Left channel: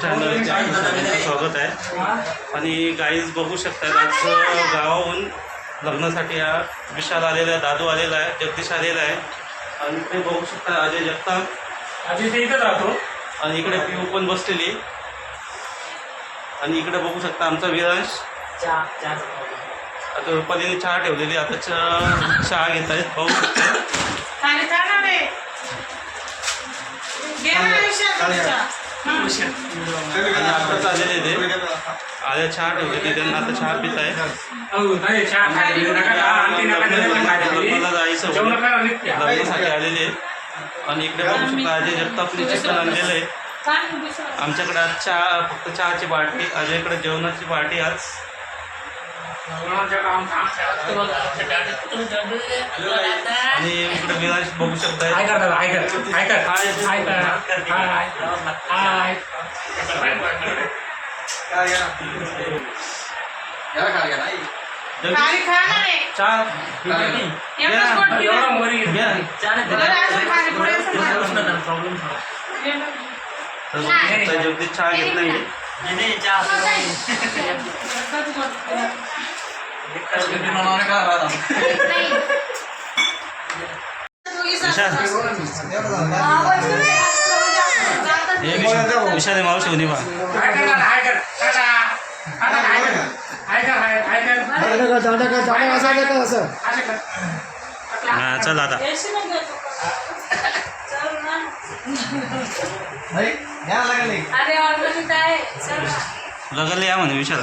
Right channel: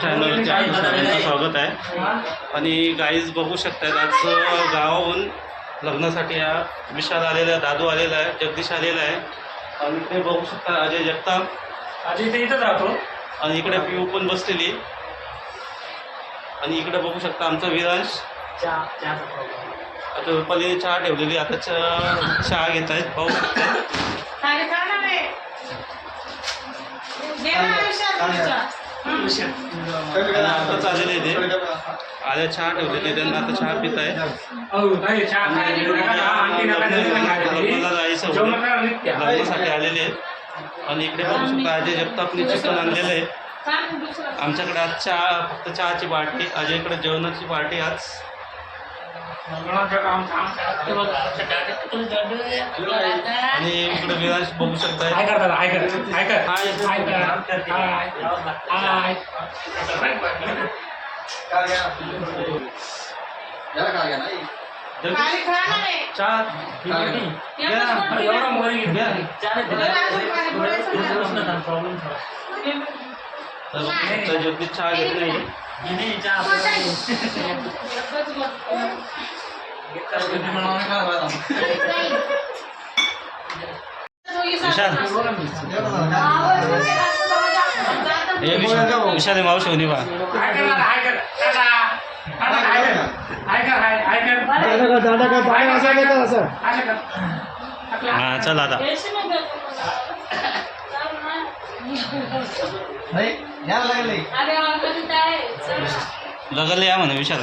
चॅनलच्या सगळ्यांचं स्वागत आहे. आणि गाईज बघू शकतात आज गावाहून लग्नासाठी हा विशाल आलेला आहे दादू आलेला आहे जगदीश आलेला आहे. आणि इकडे बघू शकता अजय जगताप. अजय ते इथंच राहतो. आणि इकडे पिऊ पण बसलेली. आणि इकडे बघू शकता आमचा विरांश. आता रुपालीने चहा ठेवलेली आता चहा घेत आहेत. पाहू शकता. घे ना विशाल तुमच्या. आणि आताच आलेले ते आल्या चहा ठेवलेली त्यांना आता चहा पित आहे हो नित्य. लग्नासाठी आलेले आणि इकडे बघू शकता अजय जगतापने चिकन आणलेलं आहे. आमच्याकडे आज चहा फक्त चहाची पार्टी अजयकडे जेवणाची पार्टी आज. जेवणाचं काम काम आणि इकडे विराज बघू हाय शकताय कर दादा हाय कर हाय कर हाय. हाय कर हाय हाय खाली खा ना रे. चहा एकच पोट पिलं. एवढं वरी घ्या. बरं, अजून खाली पुढे सांग. प्रॉब्लेम तर तर जगदीश चहा घेत विशाल. हे विशाल हे मावशी होणी बा हा चल आता. लगले या म्हणे विशाल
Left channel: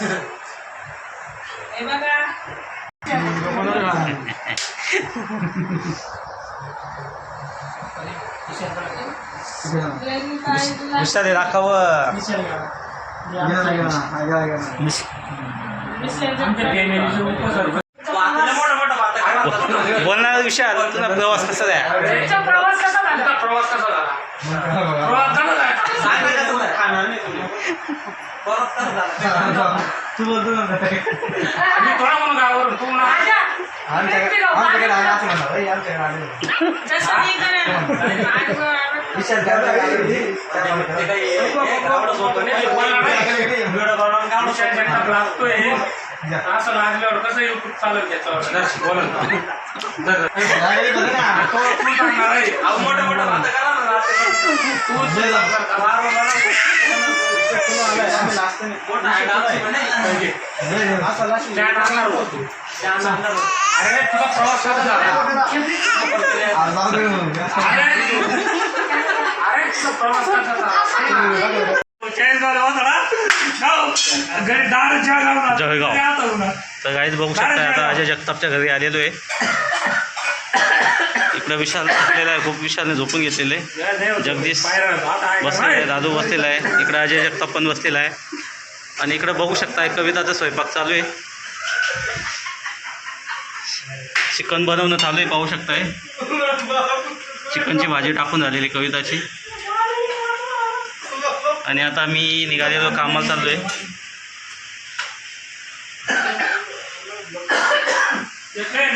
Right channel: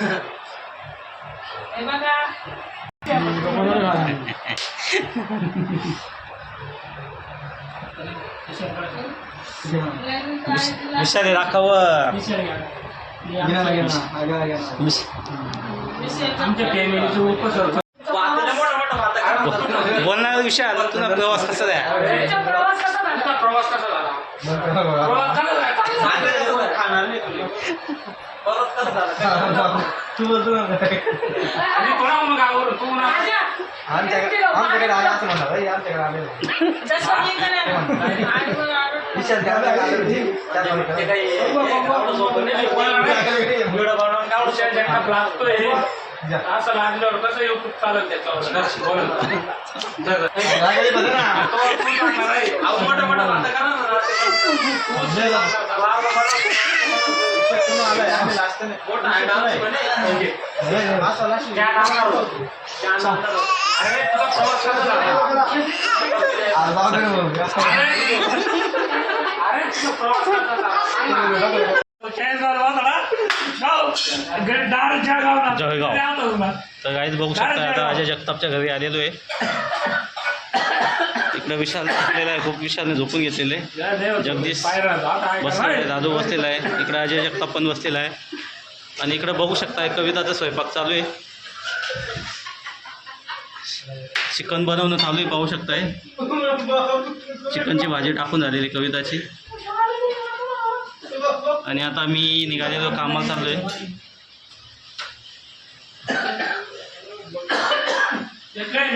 आमचं- विसर्जन आमच्या फॅमिलीचे उपसरपंच बोलणार विशाल तुला प्रवास कसा द्या? तुमचा प्रवास कसा झाला? प्रवास कसा झाला. तू बोलतो ना मी कोणा म्हणून गावावरून तू म्हणा राजा, आमच्याकडे आमच्याकडे आले असं म्हणा "ए, आमच्याकडे आले. विशाल लागतोय असं लागल्यावर कसं युट्यूब चालेल त्याच्यावर बोला ना. लागली बघ ना. तो तू सांगणार आहे. तू असं लाशी. त्या टाकणार होतो. त्या टाकणार होतो. अरे तुझा प्रवास कसा झाला. अरे अरे तुझा प्रवास कसा झाला जळगाव. तर गाईच बघू शकता आता अजय जगतापच्या घरी आलेलो आहे. इकडे विशाल बसलेला आहे खूप विशालने झोपून घेतलेले जगदीश बसलेला आहे दादू बसलेला आहे. इकडे अजय जगताप पण बसलेला आहे. आणि इकडे बघू शकता कविताचा स्वयंपाक चालू आहे. चिकन बनवणं चालू आहे पाहू शकताय. चिकनची भाजी टाकून झालेली कविताची. आणि आता मी निघालेलो कामाला चाललो आहे मी काय